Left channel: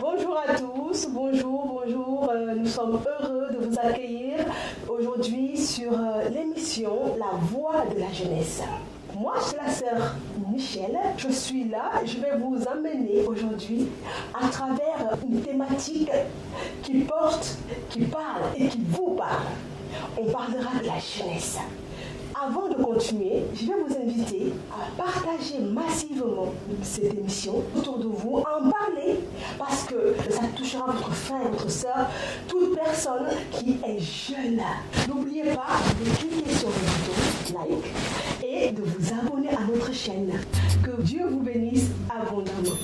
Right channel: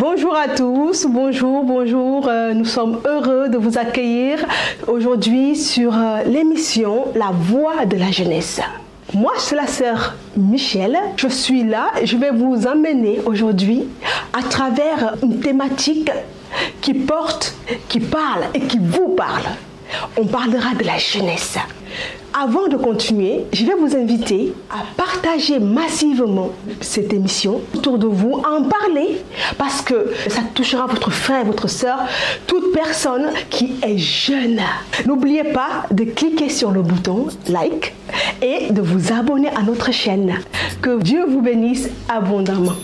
Bonjour à tous, bonjour. Nous sommes heureux de vous accueillir aujourd'hui sur l'émission La Voix de la Jeunesse. Moi, c'est la sœur Michel. Je suis là et je vais vous emmener aujourd'hui à travers une thématique qui parle et qui vous parle. On parlera de la jeunesse. Avant de continuer, je vais vous inviter à partager massivement cette émission autour de vous, à en parler, parce que ça touchera votre frère, votre soeur, toute personne qui est jeune. N'oubliez pas de cliquer sur le bouton like et de vous abonner à notre chaîne. Que Dieu vous bénisse abondamment.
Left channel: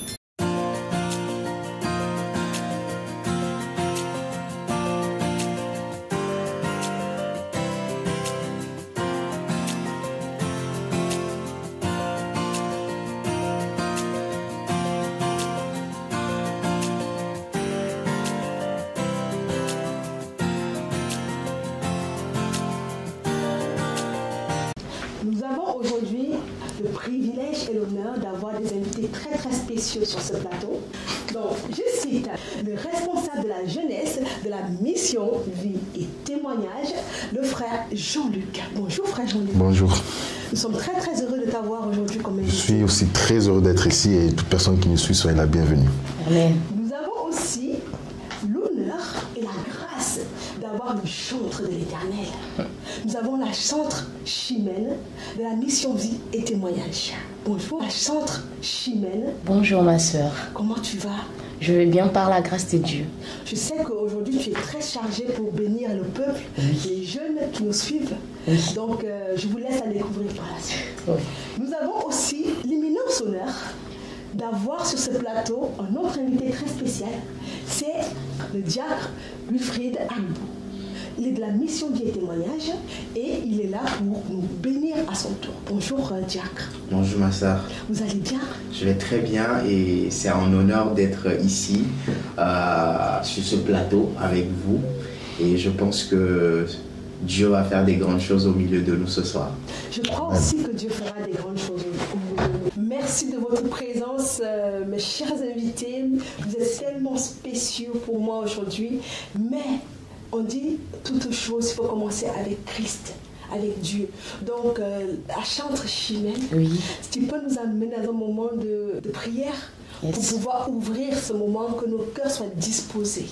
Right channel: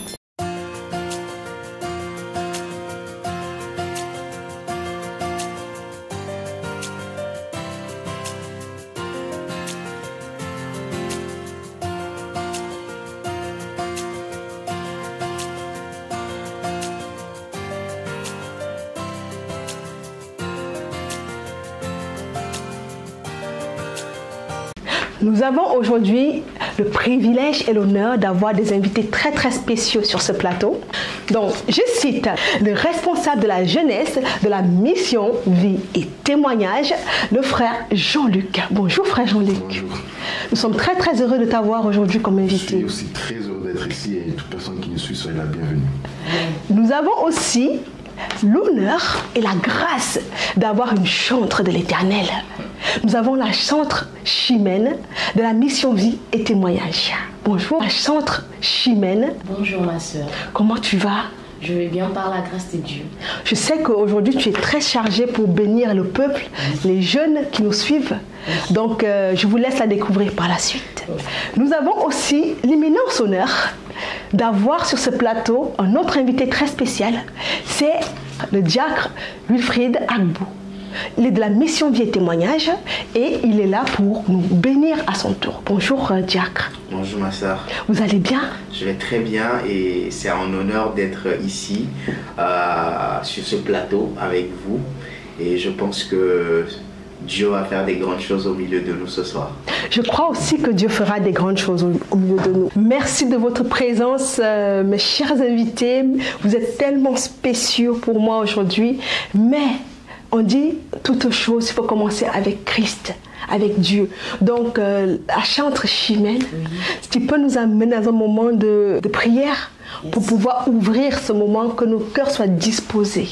Nous avons aujourd'hui le privilège et l'honneur d'avoir des invités très très spéciaux sur ce plateau. Donc, je cite le responsable de la jeunesse de la mission Vie et Témoignage, le frère Jean-Luc. Bonjour frère Jean-Luc. Bonjour. Nous sommes très très heureux de t'avoir aujourd'hui comme invité. Je suis aussi très heureux d'être ici et toute personne qui nous suit soit la bienvenue. Nous avons aussi l'honneur et la grâce d'avoir une chantre de l'Éternel. Nous avons la chantre Chimène de la mission Vie et Témoignage. Bonjour, la chantre Chimène. Bonjour ma soeur. Comment tu vas? Je vais bien par la grâce de Dieu. Je sais qu'aujourd'hui tu es très chargée pour bénir le peuple, les jeunes qui nous suivent. Donc je vous laisse la découvrir par la suite. Nous avons aussi l'immense honneur d'avoir sur ce plateau un autre invité très spécial. C'est le diacre Wilfried Agbo. Il est de la mission Vie et Témoignage et il est là pour nous bénir à son tour. Bonjour diacre. Bonjour ma soeur. Vous allez bien? Je vais très bien et c'est un honneur d'être ici sur ce plateau avec vous et je pense que Dieu va faire des grandes choses au milieu de nous ce soir. Je crois aussi que Dieu fera des grandes choses au milieu de nous. Merci de votre présence, mes chers invités. Vous êtes tellement spéciaux pour moi aujourd'hui. Mais on dit toute chose, il faut commencer avec Christ, avec Dieu. Donc, la chantre Chimène, oui. Tu peux nous amener dans un moment de prière pour pouvoir ouvrir ce moment, que nos cœurs soient disposés.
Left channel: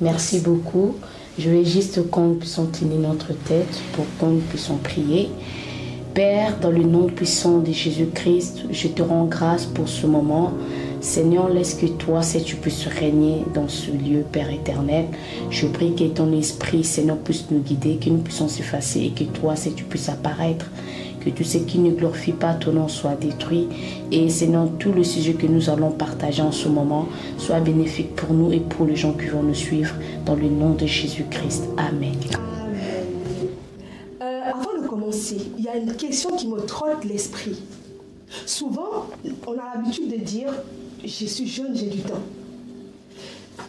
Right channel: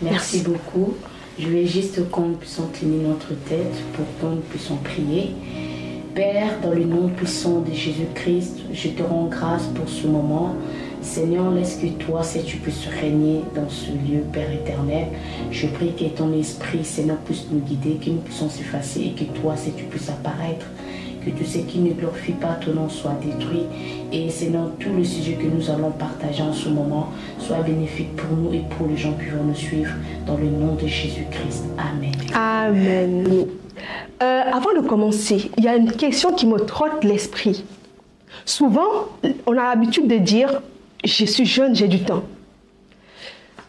Merci beaucoup. Je vais juste que nous puissions incliner notre tête pour que nous puissions prier. Père, dans le nom puissant de Jésus-Christ, je te rends grâce pour ce moment. Seigneur, laisse que toi, si tu puisses régner dans ce lieu, Père éternel. Je prie que ton esprit, Seigneur, puisse nous guider, que nous puissions s'effacer et que toi, si tu puisses apparaître. Que tout ce qui ne glorifie pas ton nom soit détruit. Et Seigneur, tout le sujet que nous allons partager en ce moment soit bénéfique pour nous et pour les gens qui vont nous suivre. Dans le nom de Jésus-Christ. Amen. Amen. Avant de commencer, il y a une question qui me trotte l'esprit. Souvent, on a l'habitude de dire « je suis jeune, j'ai du temps ».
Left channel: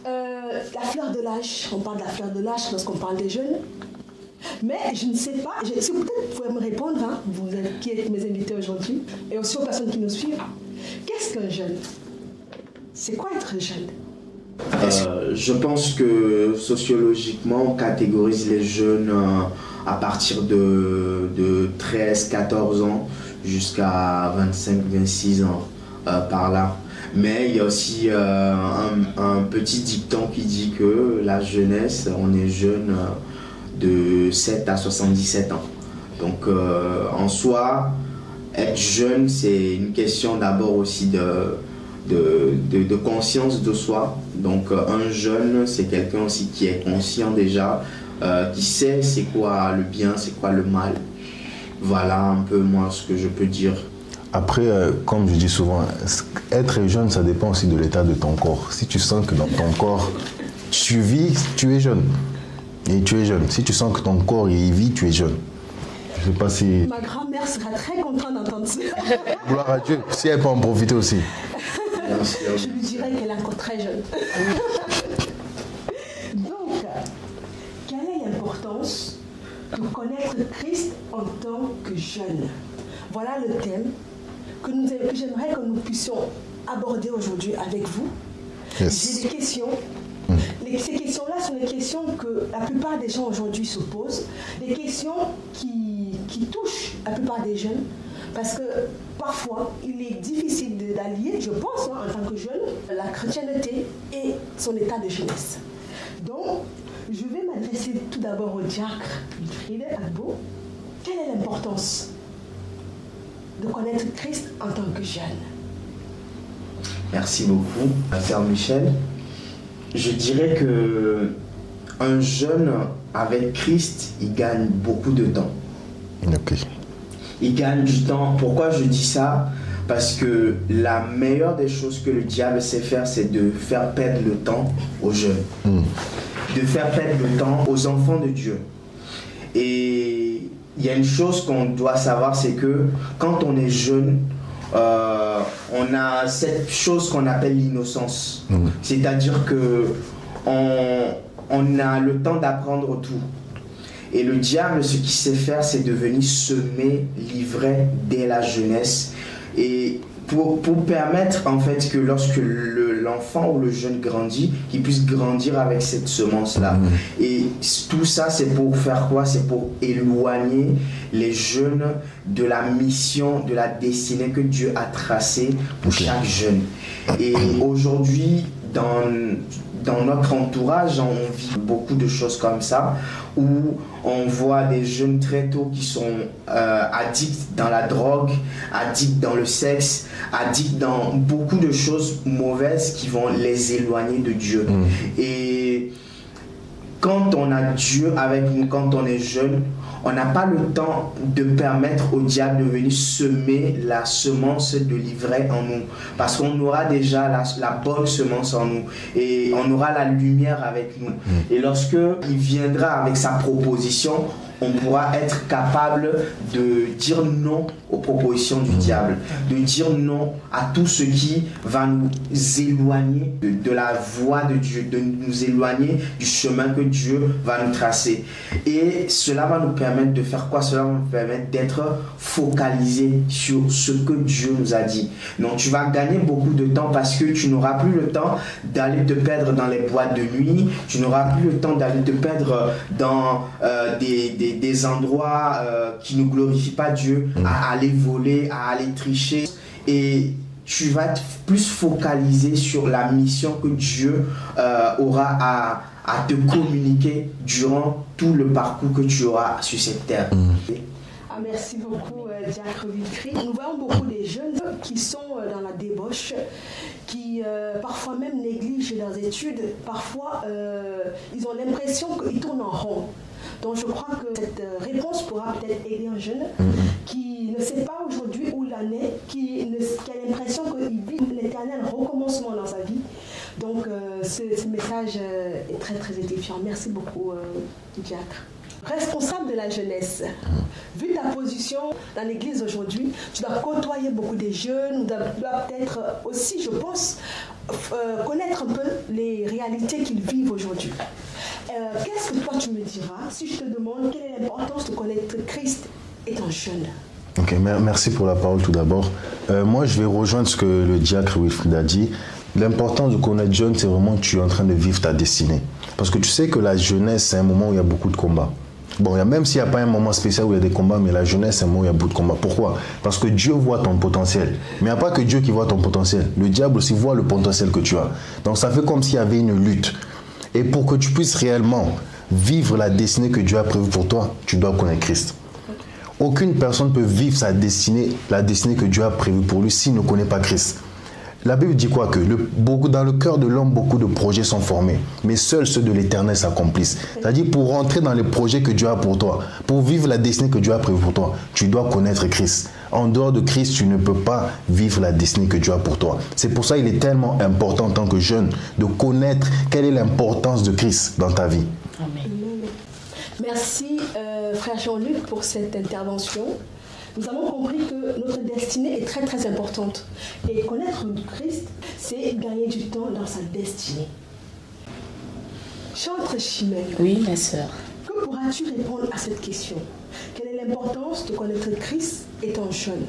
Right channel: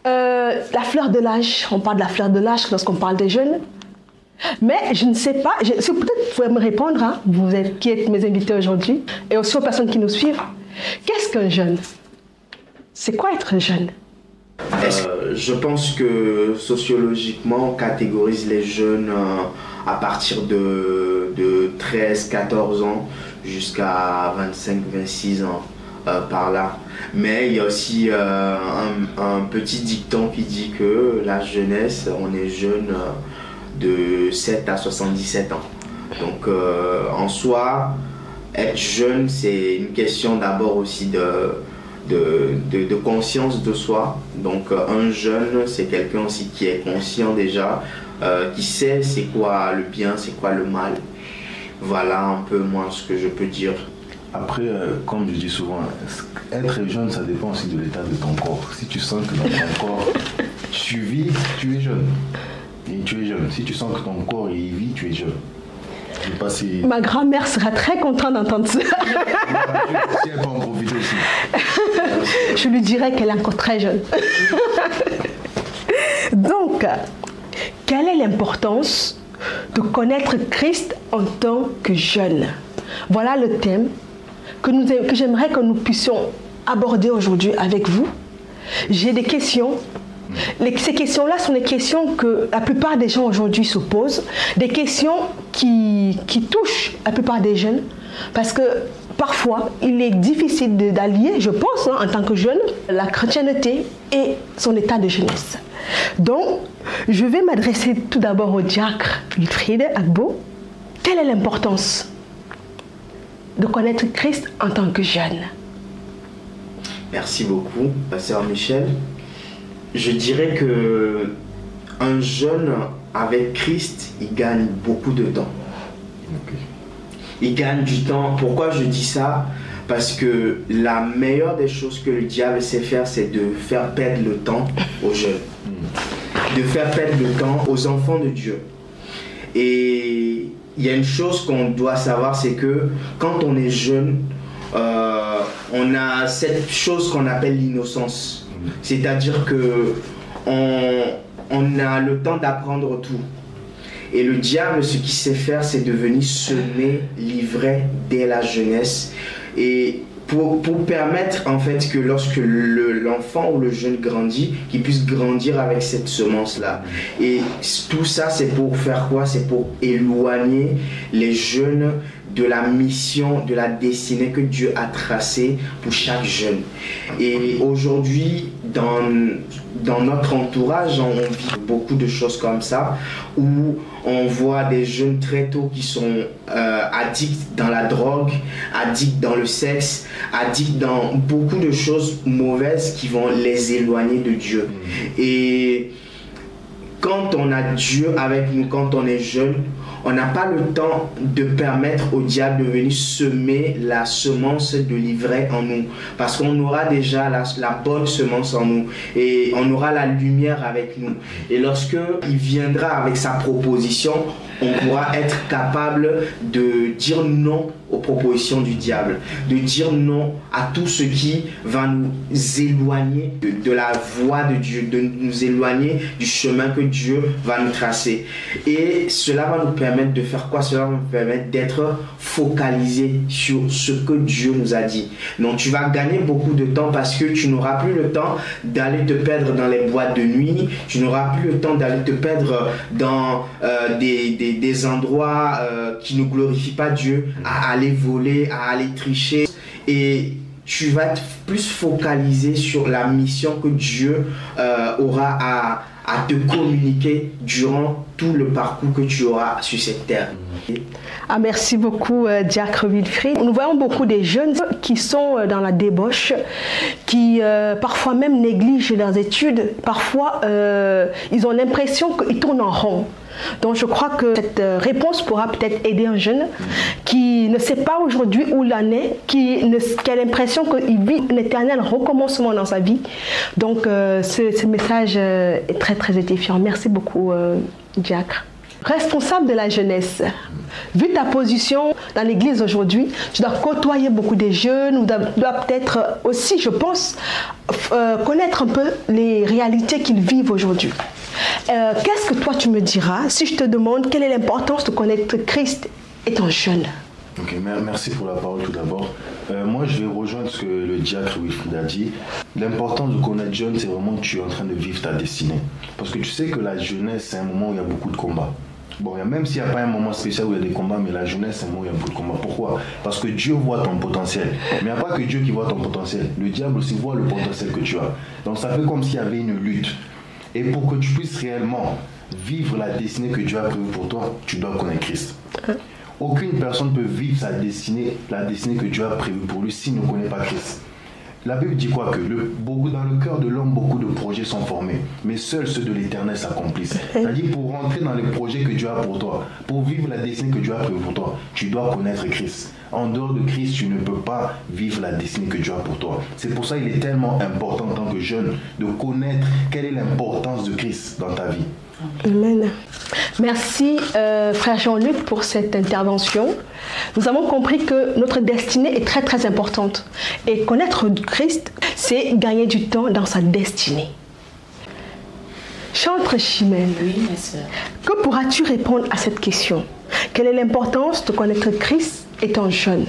La fleur de l'âge, on parle de la fleur de l'âge lorsqu'on parle des jeunes. Mais je ne sais pas, peut-être vous pouvez me répondre, hein, vous êtes, qui êtes mes invités aujourd'hui, et aussi aux personnes qui nous suivent. Qu'est-ce qu'un jeune? C'est quoi être jeune? Je pense que sociologiquement, on catégorise les jeunes à partir de 13-14 ans jusqu'à 25-26 ans par là. Mais il y a aussi un petit dicton qui dit que la jeunesse, on est jeune de 7 à 77 ans. Donc en soi, être jeune, c'est une question d'abord aussi de conscience de soi. Donc un jeune, c'est quelqu'un aussi qui est conscient déjà, qui sait c'est quoi le bien, c'est quoi le mal. Voilà un peu moi ce que je peux dire. Après, comme je dis souvent, être jeune, ça dépend aussi de l'état de ton corps. Si tu sens que dans ton corps, tu vis, tu es jeune. Et tu es jeune. Si tu sens que ton corps il vit, tu es jeune. Je sais pas si... Ma grand-mère sera très contente d'entendre ça. Si elle peut en profiter aussi. Je lui dirais qu'elle est encore très jeune. Donc, quelle est l'importance de connaître Christ en tant que jeune? Voilà le thème que j'aimerais que nous puissions aborder aujourd'hui avec vous. Yes. J'ai des questions. Ces questions-là sont des questions que la plupart des gens aujourd'hui se posent, des questions qui touchent la plupart des jeunes, parce que parfois il est difficile d'allier, je pense, en tant que jeune, la chrétienté et son état de jeunesse. Donc, je vais m'adresser tout d'abord au diacre Wilfried Agbo. Quelle est l'importance de connaître Christ en tant que jeune? Merci beaucoup, Sœur Michel. Je dirais que un jeune avec Christ, il gagne beaucoup de temps. Ok. Il gagne du temps. Pourquoi je dis ça? Parce que la meilleure des choses que le diable sait faire, c'est de faire perdre le temps aux jeunes. De faire perdre le temps aux enfants de Dieu. Et il y a une chose qu'on doit savoir, c'est que quand on est jeune, on a cette chose qu'on appelle l'innocence. C'est-à-dire que on a le temps d'apprendre tout. Et le diable, ce qu'il sait faire, c'est de venir semer l'ivraie dès la jeunesse. Et pour permettre en fait que lorsque l'enfant ou le jeune grandit, qu'il puisse grandir avec cette semence-là. Et tout ça, c'est pour faire quoi? C'est pour éloigner les jeunes de la mission, de la destinée que Dieu a tracée pour chaque jeune. Et aujourd'hui, dans notre entourage, on vit beaucoup de choses comme ça, où on voit des jeunes très tôt qui sont addicts dans la drogue, addicts dans le sexe, addicts dans beaucoup de choses mauvaises qui vont les éloigner de Dieu. Et quand on a Dieu avec nous, quand on est jeune, on n'a pas le temps de permettre au diable de venir semer la semence de l'ivraie en nous. Parce qu'on aura déjà la bonne semence en nous. Et on aura la lumière avec nous. Et lorsque il viendra avec sa proposition, on pourra être capable de dire non aux propositions du diable. De dire non à tout ce qui va nous éloigner de la voie de Dieu. De nous éloigner du chemin que Dieu va nous tracer. Et cela va nous permettre de faire quoi? Cela va nous permettre d'être focalisé sur ce que Dieu nous a dit. Donc tu vas gagner beaucoup de temps parce que tu n'auras plus le temps d'aller te perdre dans les boîtes de nuit, tu n'auras plus le temps d'aller te perdre dans des endroits qui ne glorifient pas Dieu, à aller voler, à aller tricher. Et tu vas être plus focalisé sur la mission que Dieu aura à te communiquer durant tout le parcours que tu auras sur cette terre. Ah, merci beaucoup, diacre Wilfried. Nous voyons beaucoup des jeunes qui sont dans la débauche, qui parfois même négligent leurs études. Parfois, ils ont l'impression qu'ils tournent en rond. Donc je crois que cette réponse pourra peut-être aider un jeune qui ne sait pas aujourd'hui où il en est, qui a l'impression qu'il vit un éternel recommencement dans sa vie. Donc ce message est très très édifiant. Merci beaucoup, diacre. Responsable de la jeunesse, vu ta position dans l'église aujourd'hui, tu dois côtoyer beaucoup de jeunes, tu dois peut-être aussi, je pense, connaître un peu les réalités qu'ils vivent aujourd'hui. Qu'est-ce que toi tu me diras si je te demande quelle est l'importance de connaître Christ étant jeune? Ok, merci pour la parole tout d'abord. Moi, je vais rejoindre ce que le diacre Wilfried a dit. L'importance de connaître jeune, c'est vraiment que tu es en train de vivre ta destinée. Parce que tu sais que la jeunesse, c'est un moment où il y a beaucoup de combats. Bon, même s'il n'y a pas un moment spécial où il y a des combats, mais la jeunesse, c'est un moment où il y a beaucoup de combats. Pourquoi? Parce que Dieu voit ton potentiel. Mais il n'y a pas que Dieu qui voit ton potentiel. Le diable aussi voit le potentiel que tu as. Donc ça fait comme s'il y avait une lutte. Et pour que tu puisses réellement vivre la destinée que Dieu a prévue pour toi, tu dois connaître Christ. Aucune personne ne peut vivre sa destinée, la destinée que Dieu a prévue pour lui s'il ne connaît pas Christ. La Bible dit quoi? Que dans le cœur de l'homme, beaucoup de projets sont formés, mais seuls ceux de l'Éternel s'accomplissent. C'est-à-dire, pour rentrer dans les projets que Dieu a pour toi, pour vivre la destinée que Dieu a prévue pour toi, tu dois connaître Christ. En dehors de Christ, tu ne peux pas vivre la destinée que Dieu a pour toi. C'est pour ça qu'il est tellement important en tant que jeune de connaître quelle est l'importance de Christ dans ta vie. Amen. Merci frère Jean-Luc pour cette intervention. Nous avons compris que notre destinée est très très importante. Et connaître Christ, c'est gagner du temps dans sa destinée. Chantre Chimène, Oui, ma sœur. que pourras-tu répondre à cette question? Quelle est l'importance de connaître Christ étant jeune?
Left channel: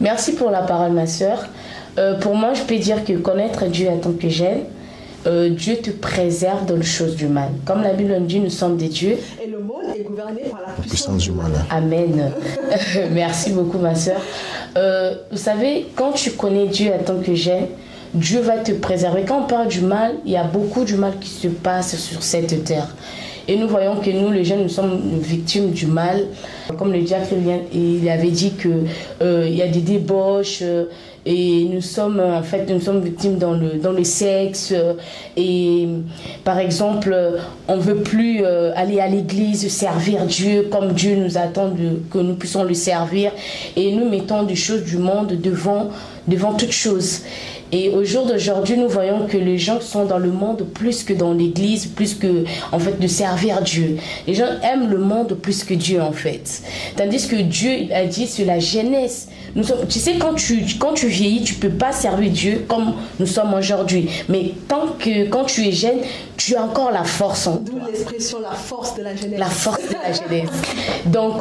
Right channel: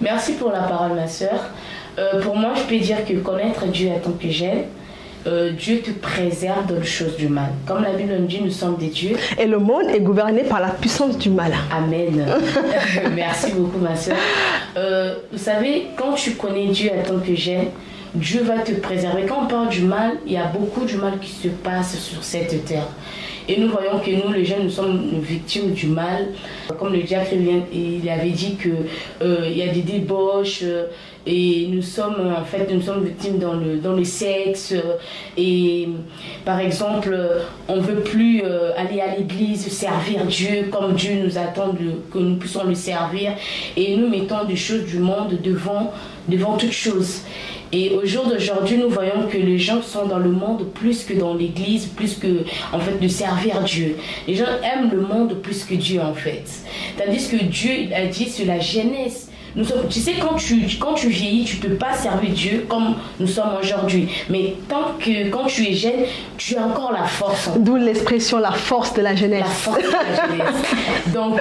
Merci pour la parole, ma sœur. Pour moi, je peux dire que connaître Dieu en tant que jeune, Dieu te préserve dans les choses du mal. Comme la Bible nous dit, nous sommes des dieux. Et le monde est gouverné par la puissance du mal. Amen. Merci beaucoup, ma soeur. Vous savez, quand tu connais Dieu en tant que jeune, Dieu va te préserver. Quand on parle du mal, il y a beaucoup de mal qui se passe sur cette terre. Et nous voyons que nous, les jeunes, nous sommes victimes du mal. Comme le diacre il avait dit qu'il y a des débauches et nous sommes victimes dans le sexe. Et par exemple, on ne veut plus aller à l'église, servir Dieu comme Dieu nous attend que nous puissions le servir. Et nous mettons des choses du monde devant toutes choses. Et au jour d'aujourd'hui, nous voyons que les gens sont dans le monde plus que dans l'église, plus que en fait de servir Dieu. Les gens aiment le monde plus que Dieu en fait. Tandis que Dieu a dit sur la jeunesse. Tu sais, quand tu vieillis, tu ne peux pas servir Dieu comme nous sommes aujourd'hui. Mais quand tu es jeune, tu as encore la force. D'où l'expression la force de la jeunesse. La force de la jeunesse. Donc,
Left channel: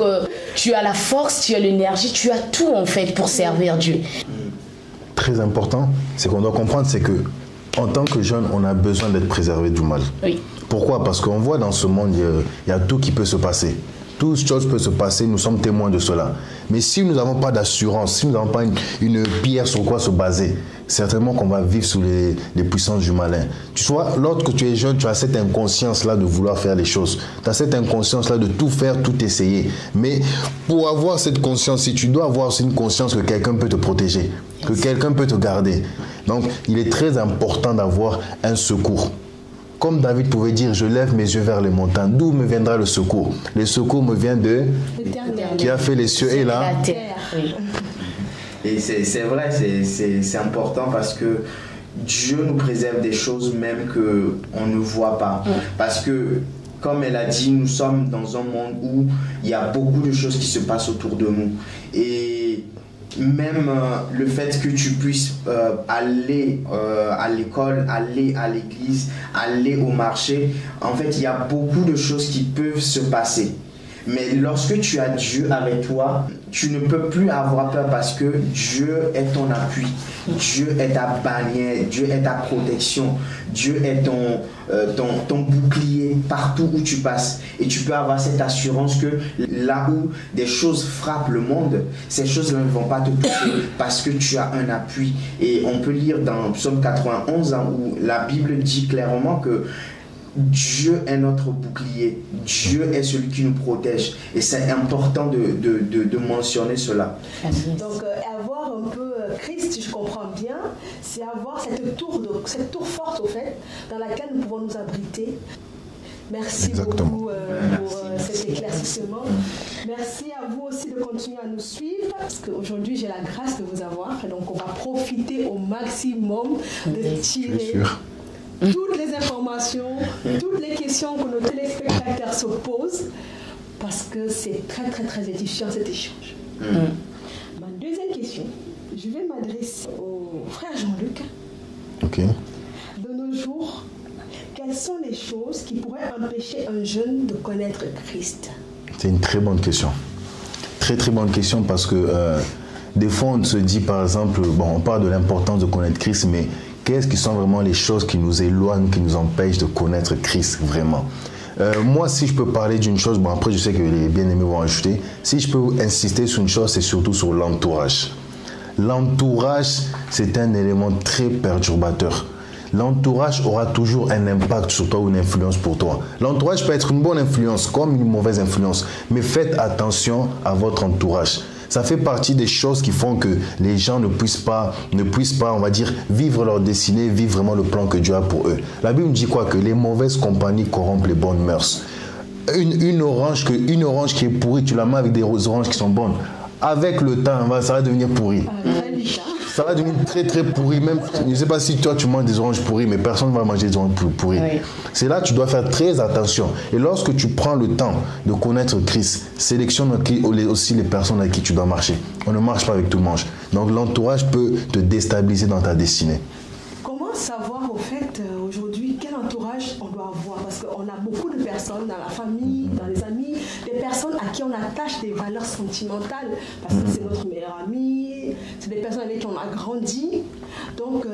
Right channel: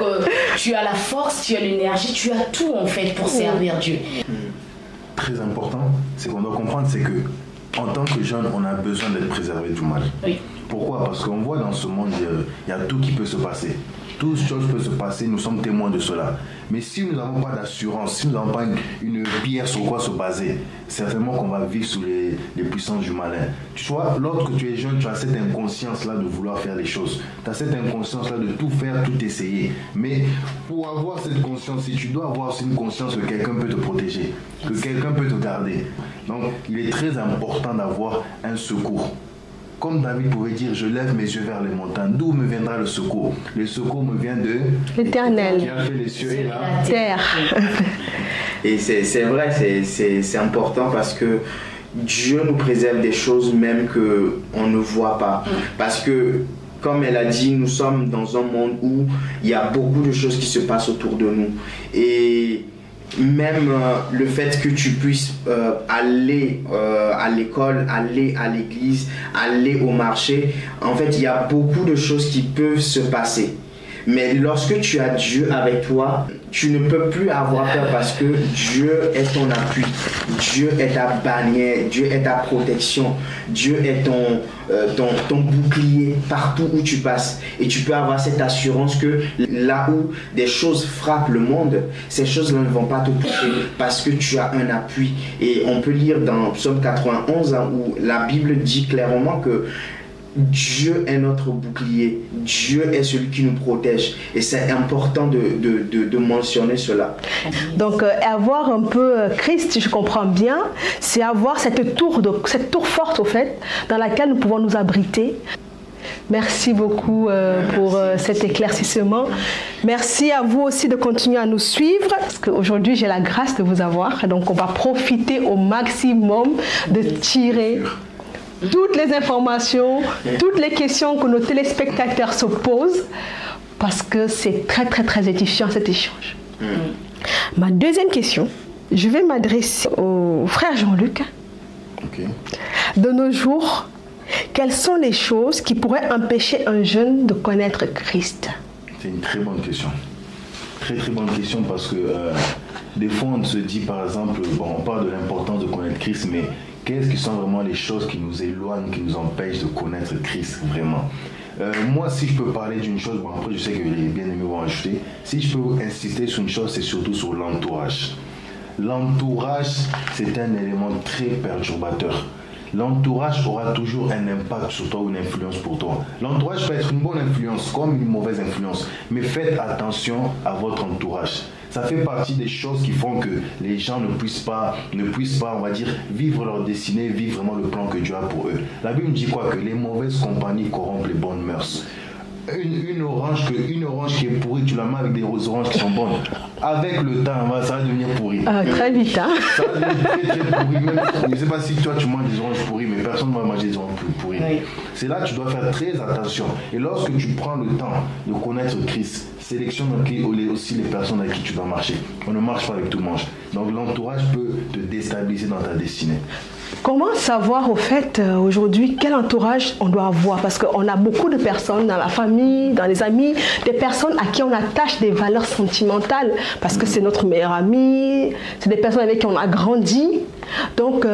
tu as la force, tu as l'énergie, tu as tout en fait pour servir Dieu. Très important, c'est qu'on doit comprendre, c'est que en tant que jeune, on a besoin d'être préservé du mal. Oui. Pourquoi? Parce qu'on voit dans ce monde, il y a tout qui peut se passer. Toute chose peut se passer, nous sommes témoins de cela. Mais si nous n'avons pas d'assurance, si nous n'avons pas une pierre sur quoi se baser, certainement qu'on va vivre sous les puissances du malin. Tu vois, lorsque tu es jeune, tu as cette inconscience-là de vouloir faire les choses. Tu as cette inconscience-là de tout faire, tout essayer. Mais pour avoir cette conscience, si tu dois avoir aussi une conscience que quelqu'un peut te protéger, que quelqu'un peut te garder. Donc, il est très important d'avoir un secours. Comme David pouvait dire, je lève mes yeux vers les montagnes. D'où me viendra le secours? Le secours me vient de l'Éternel, qui a fait les cieux et la terre. Et c'est vrai, c'est important parce que Dieu nous préserve des choses même qu'on ne voit pas. Parce que, comme elle a dit, nous sommes dans un monde où il y a beaucoup de choses qui se passent autour de nous. Et même le fait que tu puisses aller à l'école, aller à l'église, aller au marché, en fait, il y a beaucoup de choses qui peuvent se passer. Mais lorsque tu as Dieu avec toi, tu ne peux plus avoir peur parce que Dieu est ton appui, Dieu est ta bannière, Dieu est ta protection, Dieu est ton bouclier partout où tu passes. Et tu peux avoir cette assurance que là où des choses frappent le monde, ces choses-là ne vont pas te toucher parce que tu as un appui. Et on peut lire dans Psaume 91 où la Bible dit clairement que Dieu est notre bouclier, Dieu est celui qui nous protège et c'est important de mentionner cela. Donc avoir un peu Christ, si je comprends bien, c'est avoir cette tour forte au fait dans laquelle nous pouvons nous abriter. Merci beaucoup pour cet éclaircissement. Merci à vous aussi de continuer à nous suivre parce qu'aujourd'hui j'ai la grâce de vous avoir, donc on va profiter au maximum de tirer toutes les informations, toutes les questions que nos téléspectateurs se posent parce que c'est très très très édifiant cet échange. Ma deuxième question, je vais m'adresser au frère Jean-Luc. Okay. De nos jours, quelles sont les choses qui pourraient empêcher un jeune de connaître Christ? C'est une très bonne question. Très très bonne question parce que des fois on se dit par exemple, on parle de l'importance de connaître Christ, mais qu'est-ce qui sont vraiment les choses qui nous éloignent, qui nous empêchent de connaître Christ vraiment? Moi, si je peux parler d'une chose, après je sais que les bien-aimés vont ajouter, si je peux insister sur une chose, c'est surtout sur l'entourage. L'entourage, c'est un élément très perturbateur. L'entourage aura toujours un impact sur toi ou une influence pour toi. L'entourage peut être une bonne influence comme une mauvaise influence, mais faites attention à votre entourage. Ça fait partie des choses qui font que les gens ne puissent pas, on va dire, vivre leur destinée, vivre vraiment le plan que Dieu a pour eux. La Bible dit quoi? Que les mauvaises compagnies corrompent les bonnes mœurs. Une orange qui est pourrie, tu la mets avec des oranges qui sont bonnes. Avec le temps, ça va devenir pourri. Très vite, hein? Ça va devenir très très pourri. Même, je ne sais pas si toi tu manges des oranges pourries, mais personne ne va manger des oranges pourries. Oui. C'est là que tu dois faire très attention. Et lorsque tu prends le temps de connaître Christ, sélectionne aussi les personnes avec qui tu dois marcher. On ne marche pas avec tout le monde. Donc l'entourage peut te déstabiliser dans ta destinée. Comment savoir au fait aujourd'hui quel entourage on doit avoir? Parce qu'on a beaucoup de personnes dans la famille, dans les amis, des personnes à qui on attache des valeurs sentimentales parce que c'est notre meilleur ami, c'est des personnes avec qui on a grandi. Donc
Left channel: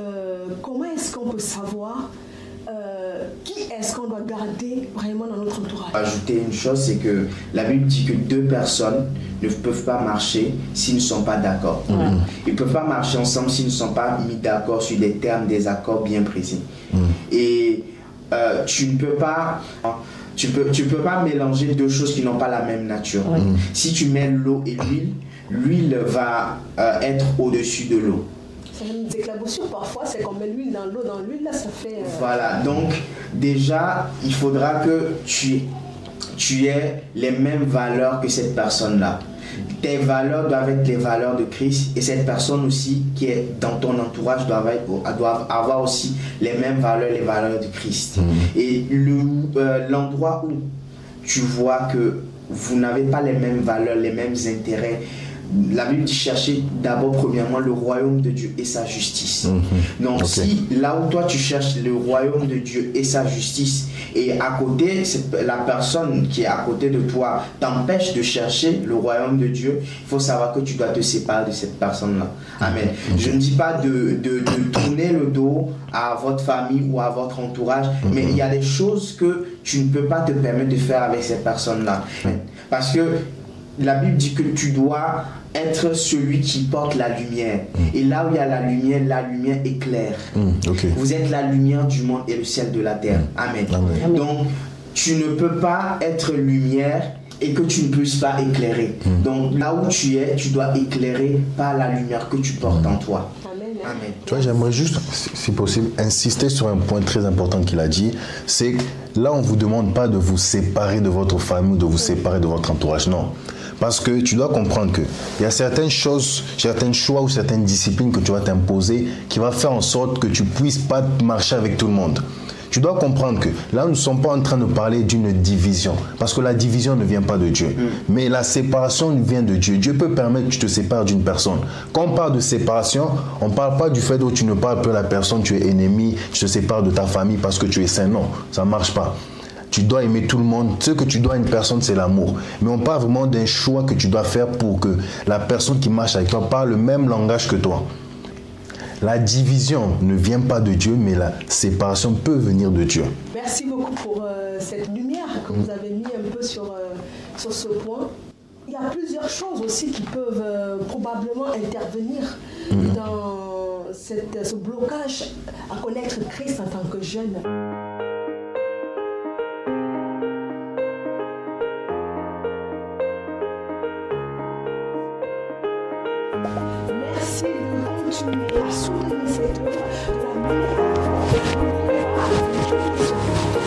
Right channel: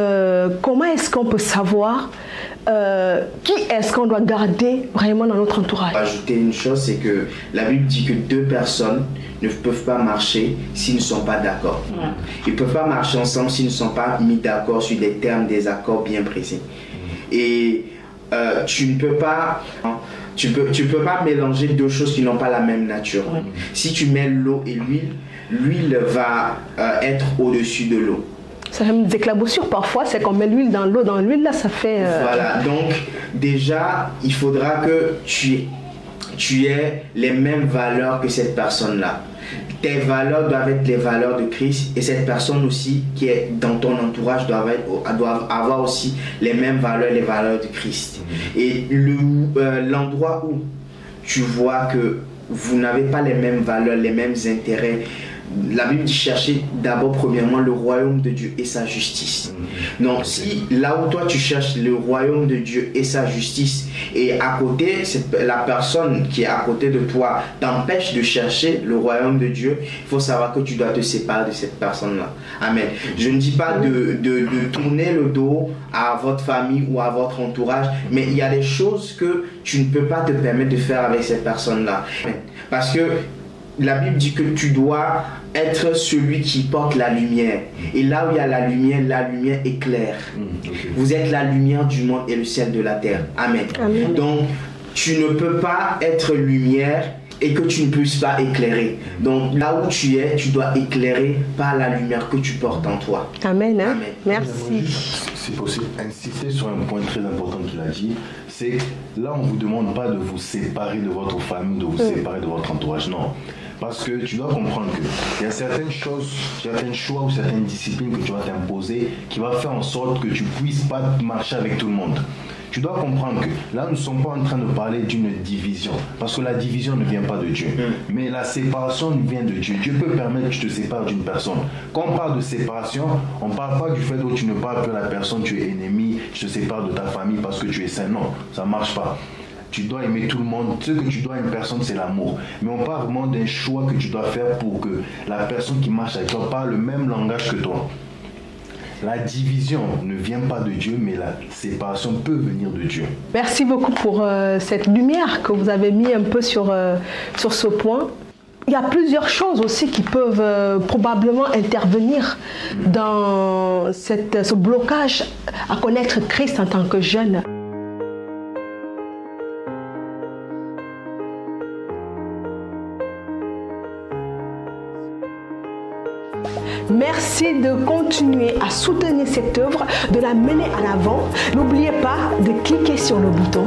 comment est-ce qu'on peut savoir qui est-ce qu'on doit garder vraiment dans notre entourage? Ajouter une chose, c'est que la Bible dit que deux personnes ne peuvent pas marcher s'ils ne sont pas d'accord. Ils ne peuvent pas marcher ensemble s'ils ne sont pas mis d'accord sur des termes, des accords bien précis. Et tu ne peux pas... Tu peux pas mélanger deux choses qui n'ont pas la même nature. Si tu mets l'eau et l'huile va être au-dessus de l'eau. Ça fait des éclaboussures parfois, c'est qu'on met l'huile dans l'eau, dans l'huile là ça fait... Voilà, donc déjà il faudra que tu aies les mêmes valeurs que cette personne-là. Tes valeurs doivent être les valeurs de Christ et cette personne aussi qui est dans ton entourage doit avoir aussi les mêmes valeurs, les valeurs de Christ. Et l'endroit où tu vois que vous n'avez pas les mêmes valeurs, les mêmes intérêts, la Bible dit chercher d'abord premièrement le royaume de Dieu et sa justice. Donc si là où toi tu cherches le royaume de Dieu et sa justice et à côté la personne qui est à côté de toi t'empêche de chercher le royaume de Dieu, il faut savoir que tu dois te séparer de cette personne-là. Amen. Je ne dis pas de tourner le dos à votre famille ou à votre entourage, mais il y a des choses que tu ne peux pas te permettre de faire avec cette personne-là. Parce que la Bible dit que tu dois être celui qui porte la lumière. Et là où il y a la lumière éclaire. Vous êtes la lumière du monde et le ciel de la terre. Amen. Donc, tu ne peux pas être lumière et que tu ne puisses pas éclairer. Donc, là où tu es, tu dois éclairer par la lumière que tu portes en toi. Amen. Amen. J'aimerais juste, si possible, insister sur un point très important qu'il a dit. C'est que là, on ne vous demande pas de vous séparer de votre famille, de vous séparer de votre entourage. Non. Parce que tu dois comprendre qu'il y a certaines choses, certains choix ou certaines disciplines que tu vas t'imposer qui va faire en sorte que tu ne puisses pas marcher avec tout le monde. Tu dois comprendre que là, nous ne sommes pas en train de parler d'une division. Parce que la division ne vient pas de Dieu. Mais la séparation vient de Dieu. Dieu peut permettre que tu te sépares d'une personne. Quand on parle de séparation, on ne parle pas du fait où tu ne parles plus à la personne, tu es ennemi, tu te sépares de ta famille parce que tu es saint. Non, ça ne marche pas. Tu dois aimer tout le monde. Ce que tu dois à une personne, c'est l'amour. Mais on parle vraiment d'un choix que tu dois faire pour que la personne qui marche avec toi parle le même langage que toi. La division ne vient pas de Dieu, mais la séparation peut venir de Dieu. Merci beaucoup pour cette lumière que vous avez mis un peu sur ce point. Il y a plusieurs choses aussi qui peuvent probablement intervenir dans ce blocage à connaître Christ en tant que jeune. Merci de continuer à soutenir cette œuvre, de la mener à l'avant. N'oubliez pas de cliquer sur le bouton